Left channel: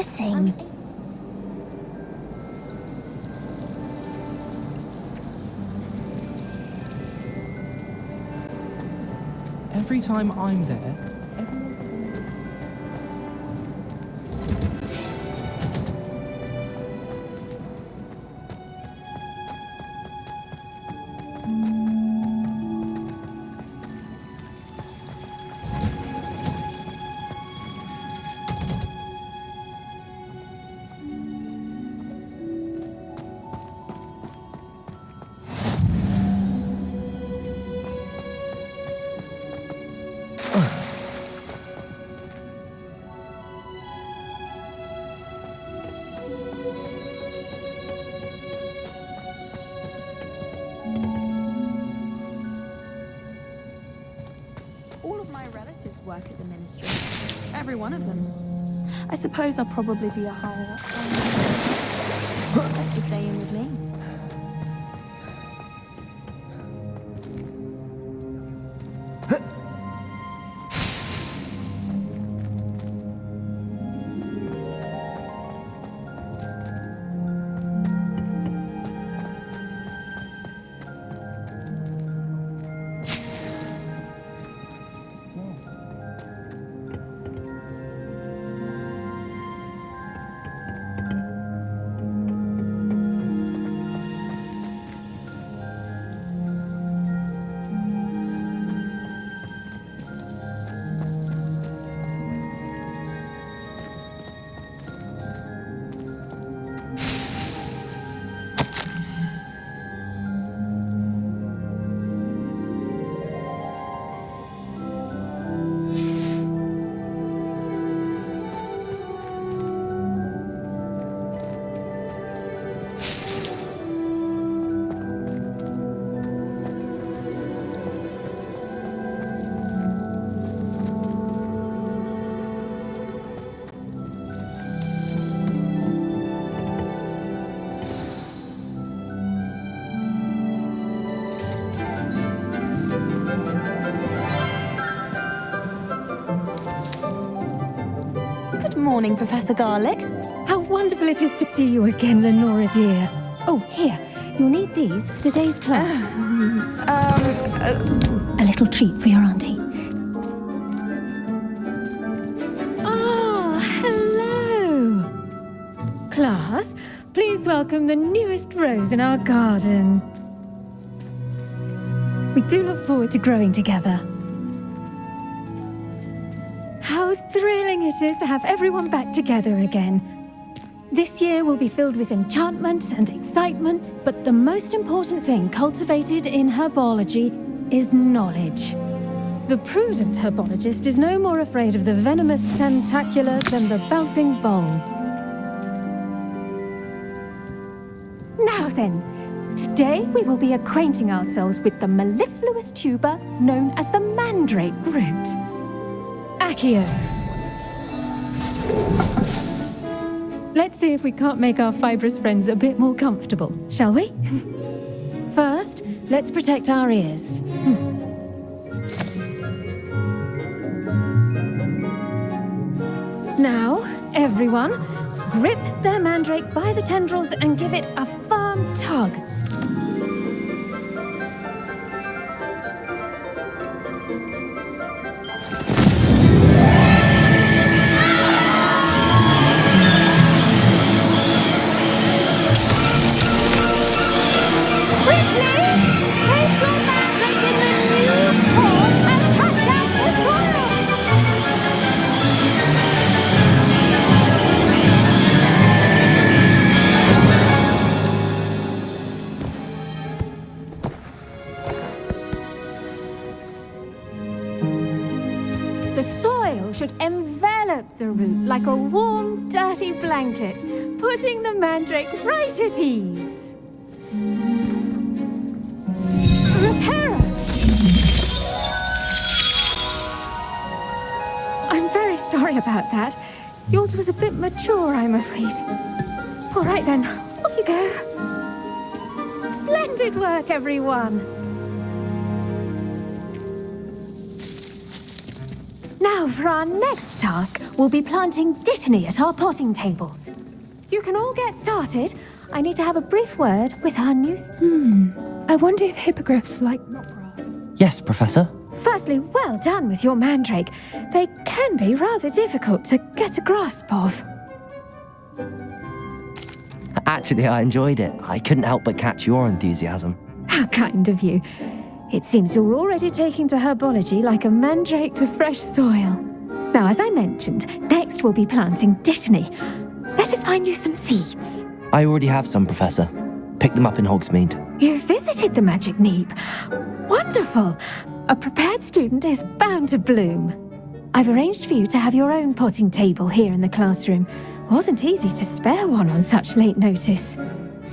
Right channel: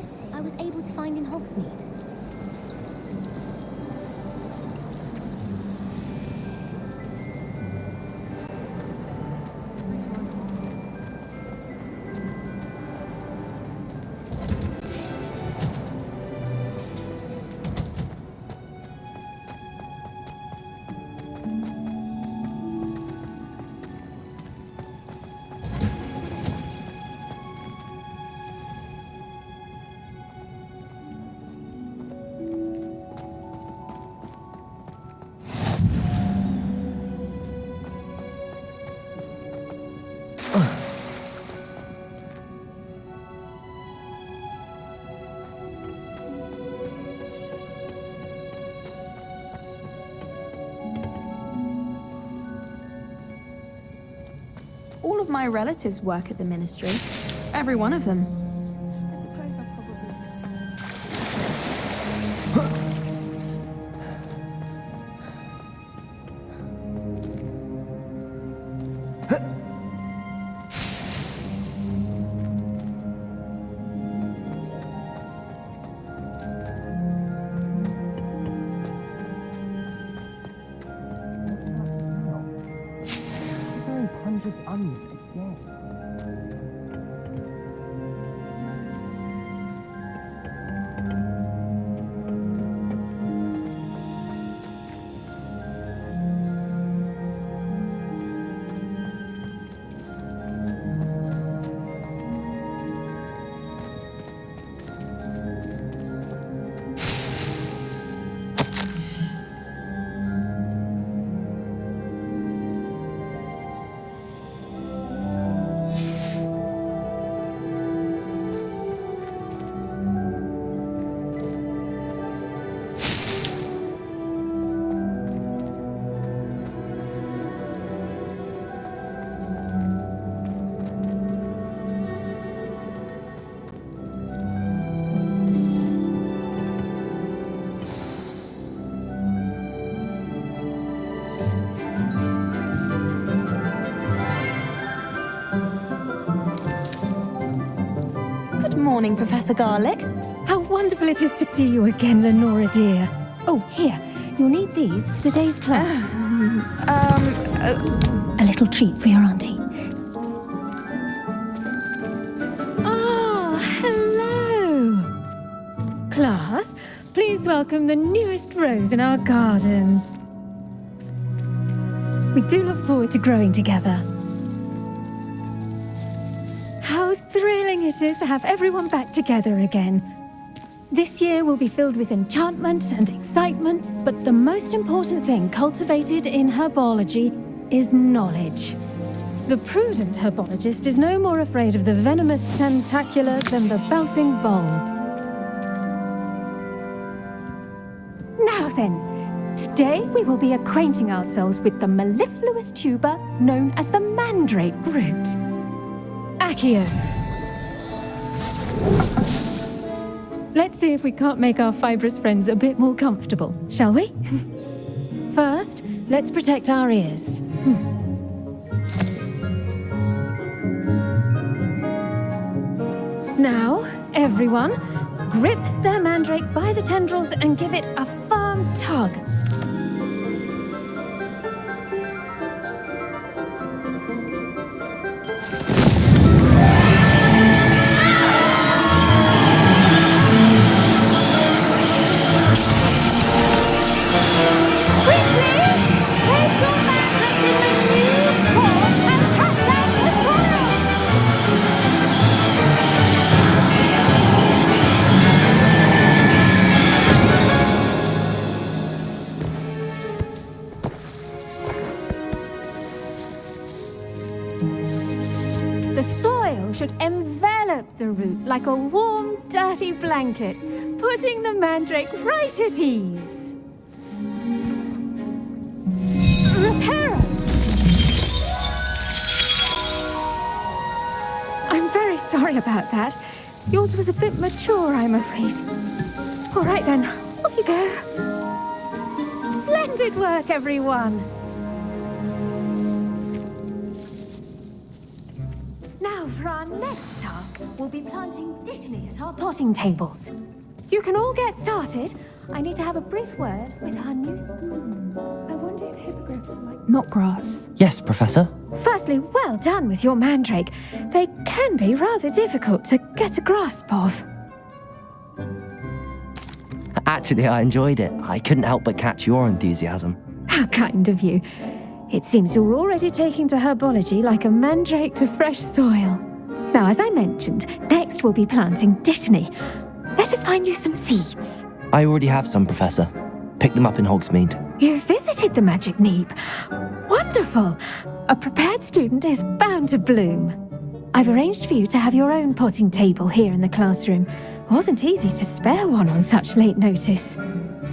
missing? I was able to find in Hogsmeade. Every time I'm there, All of my relatives work at the ministry. Every one of them. I suppose I'll probably be a higher up. Staying with me. Good morning, Professor Garlic. How wonderful it is to see you again, Lenora dear. Oh, here, you'll need these for today's class. A little treat for your auntie. Ah, hello. Class, please welcome the newest rose in our garden. We do look forward to growing together. How thrilling it is to have everyone back together again. This year will be filled with enchantment and excitement, but the most important thing cultivated in herbology is knowledge. The prudent herbologist is no more afraid of the venomous tentacular than the bouncing bulb. Now then, today we will be acquainting ourselves with the mellifluous tuber known as the mandrake root. Accio. Let's see if we can't make our fibrous friends a bit more comfortable, shall we? First, let's protect our ears. Now, everyone, grip their mandrake by the tendrils and give it a firm tug. The soil should envelop the root like a warm, dirty blanket, putting the mandrake right at ease. Reparo! I'm very sorry about that. Yours was a bit mature, I'm afraid. All right then, off you go. Splendid work, everyone. Now Now, for our next task, we'll be planting dittany at our potting tables. You can all get started. I need to have a brief word with our new... I wonder if hippogriffs like knotgrass. Yes, Professor. Firstly, well done with your mandrake. They can be rather difficult to get a grasp of. Actually, I enjoyed it. I couldn't help but catch your enthusiasm. How kind of you. It seems you're already taking to herbology like a mandrake to fresh soil. Now, as I mentioned, next we'll be planting dittany. Let us find you some seeds. I already have some, Professor. Picked them up in Hogsmeade. You visited the Magic Neep. Wonderful. A prepared student is bound to bloom. I've arranged for you to have your own potting table here in the classroom. Wasn't easy to spare one on such late notice.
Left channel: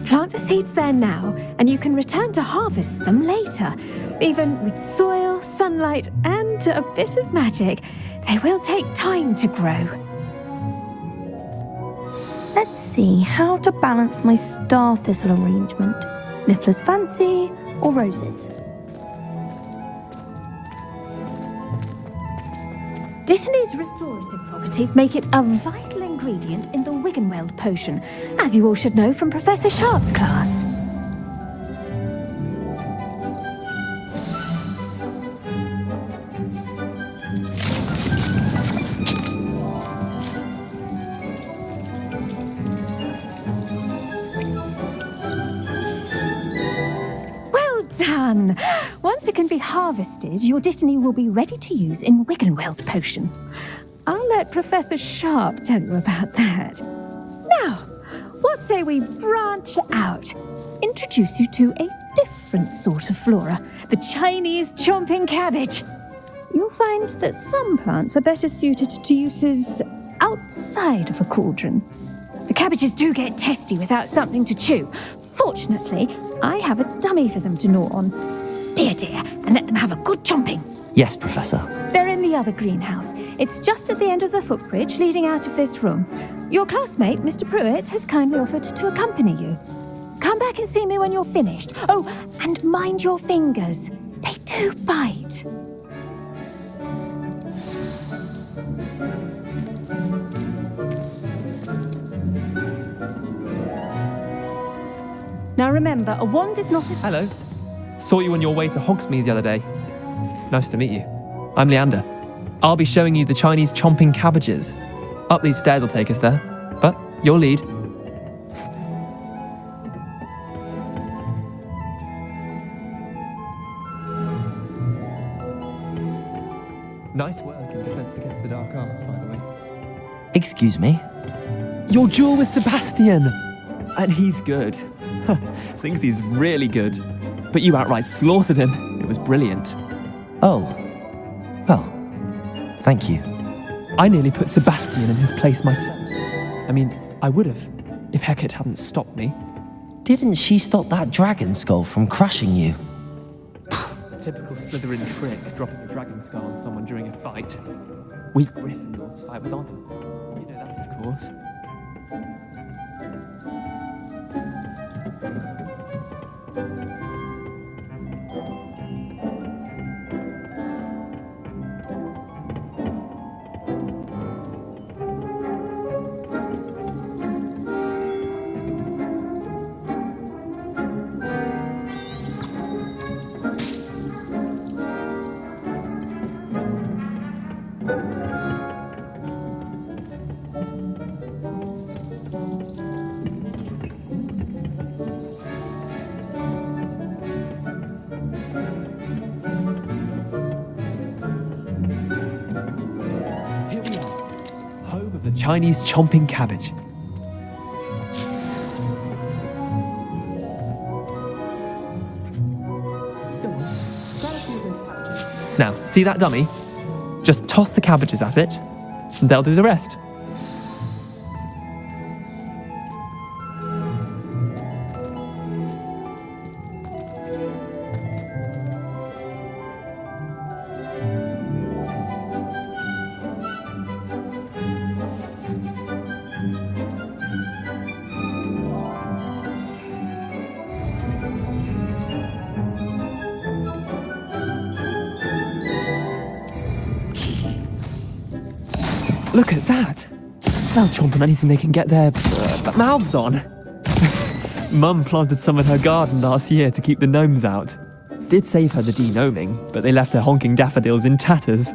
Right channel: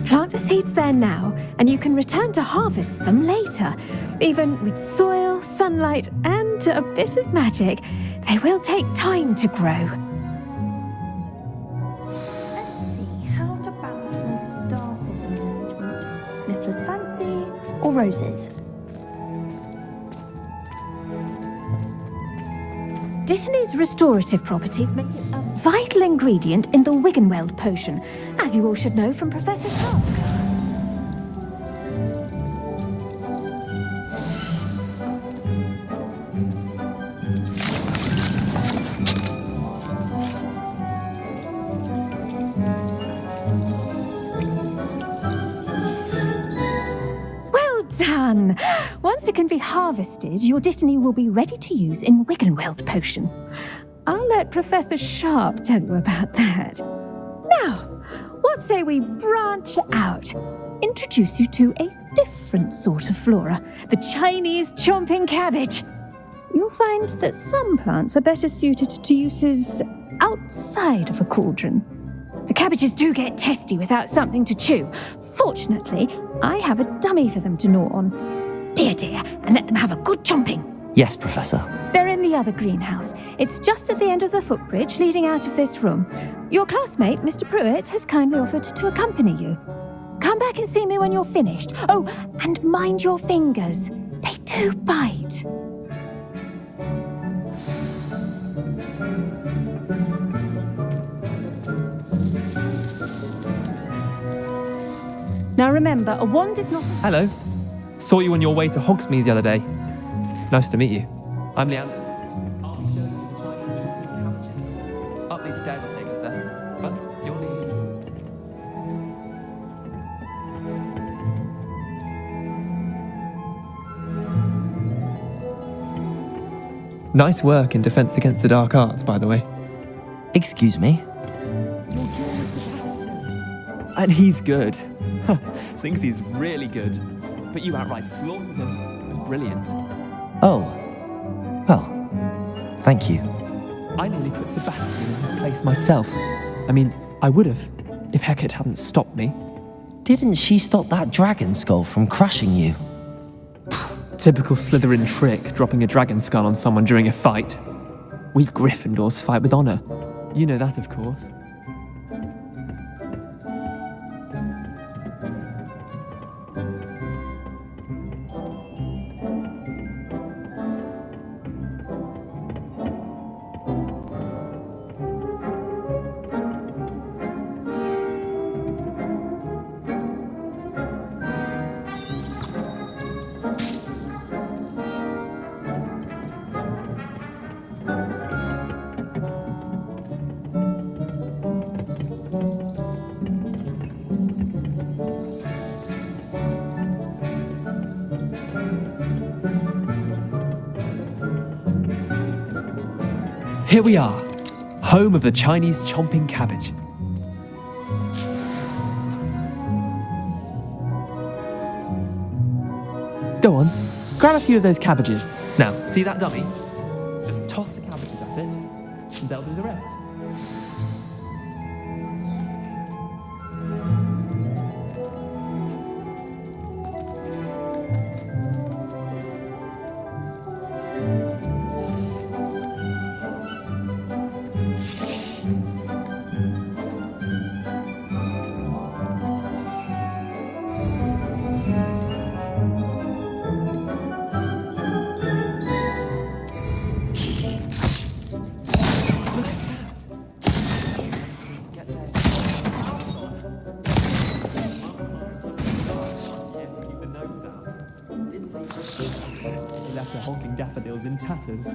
Plant the seeds there now, and you can return to harvest them later. Even with soil, sunlight, and a bit of magic, they will take time to grow. Let's see how to balance my star thistle arrangement. Niffler's fancy or roses? Dittany's restorative properties make it a vital ingredient in the Wiggenweld potion, as you all should know from Professor Sharp's class. Done! Once it can be harvested, your dittany will be ready to use in Wiggenweld potion. I'll let Professor Sharp tell you about that. Now, what say we branch out? Introduce you to a different sort of flora, the Chinese chomping cabbage. You'll find that some plants are better suited to uses outside of a cauldron. The cabbages do get testy without something to chew. Fortunately, I have a dummy for them to gnaw on. Be a dear and let them have a good chomping. Yes, Professor. They're in the other greenhouse. It's just at the end of the footbridge leading out of this room. Your classmate, Mr. Pruitt, has kindly offered to accompany you. Come back and see me when you're finished. Oh, and mind your fingers. They do bite. Now remember, a wand is not a... Hello. Saw you on your way to Hogsmeade the other day. Nice to meet you. I'm Leander. I'll be showing you the Chinese chomping cabbages. Up these stairs will take us there, but your lead. Nice work in Defense Against the Dark Arts, by the way. Excuse me? Your duel with Sebastian! And he's good. Thinks he's really good. But you outright slaughtered him. It was brilliant. Oh. Well, thank you. I nearly put Sebastian in his place myself. I mean, I would have, if Hecate hadn't stopped me. Didn't she stop that dragon skull from crushing you? Typical Slytherin trick, dropping a dragon skull on someone during a fight. We Gryffindors fight with honor. You know that, of course. Here we are, home of the Chinese chomping cabbage. Go on, grab a few of those cabbages. Now, see that dummy? Just toss the cabbages at it, and they'll do the rest. Look at that. They'll chomp on anything they can get their mouths on. Mum planted some in her garden last year to keep the gnomes out. Did save her the de-gnoming, but they left her honking daffodils in tatters.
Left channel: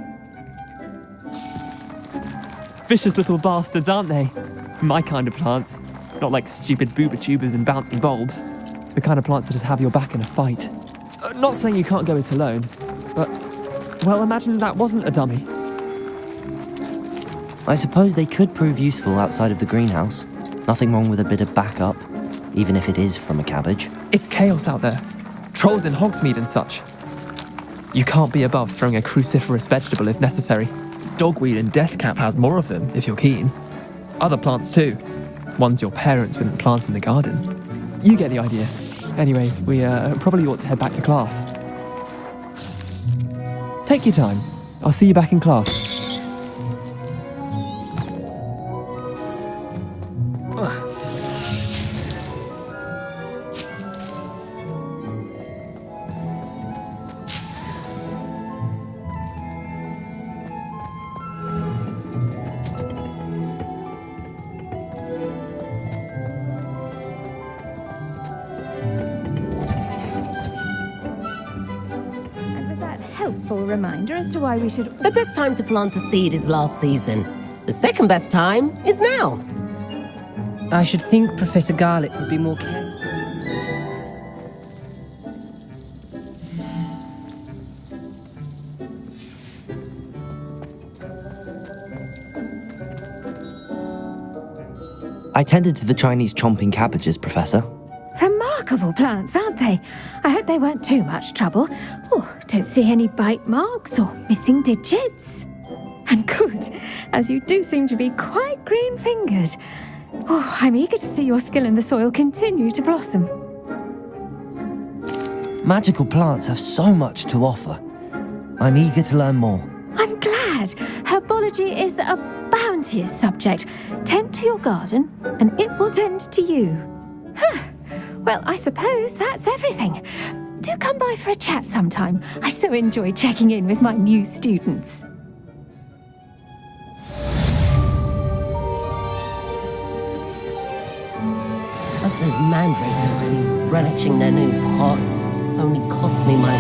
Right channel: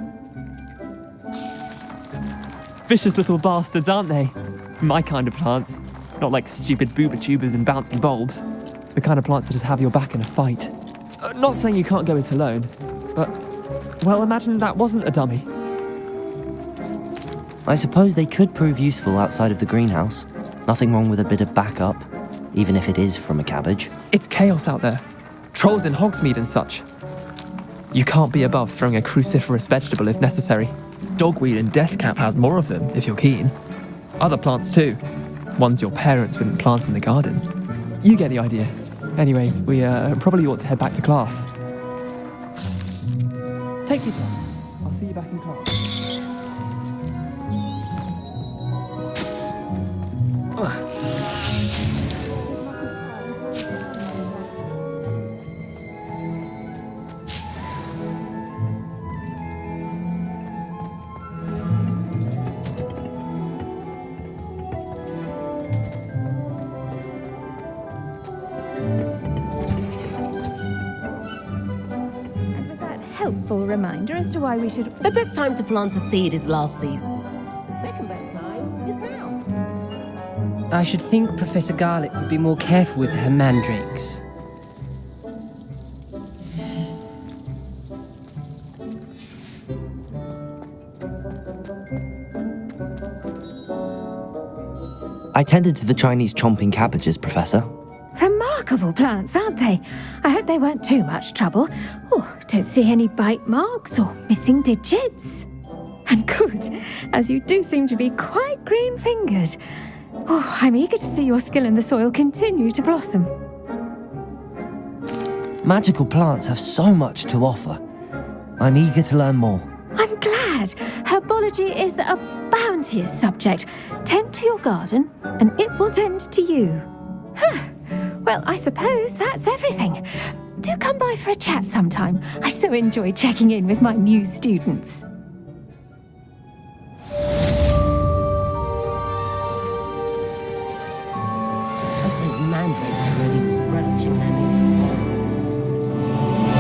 Vicious little bastards, aren't they? My kind of plants. Not like stupid booba tubers and bouncing bulbs. The kind of plants that just have your back in a fight. Not saying you can't go it alone, but, well, imagine that wasn't a dummy. I suppose they could prove useful outside of the greenhouse. Nothing wrong with a bit of backup, even if it is from a cabbage. It's chaos out there. Trolls in Hogsmeade and such. You can't be above throwing a cruciferous vegetable if necessary. Dogweed and deathcap has more of them, if you're keen. Other plants too. Ones your parents wouldn't plant in the garden. You get the idea. Anyway, we probably ought to head back to class. Take your time. I'll see you back in class. Helpful reminder as to why we should... The best time to plant a seed is last season. The second best time is now. I should think Professor Garlick would be more careful with her mandrakes. I tended to the Chinese chomping cabbages, Professor. Remarkable plants, aren't they? I hope they weren't too much trouble. Oh, don't see any bite marks or missing digits. And good, as you do seem to be quite green-fingered. Oh, I'm eager to see your skill in the soil continue to blossom. Magical plants have so much to offer. I'm eager to learn more. I'm glad. Herbology is a bounteous subject. Tend to your garden, and it will tend to you. Well, I suppose that's everything. Do come by for a chat sometime. I so enjoy checking in with my new students. Hope those mandrakes are really relishing their new pots. Only cost me my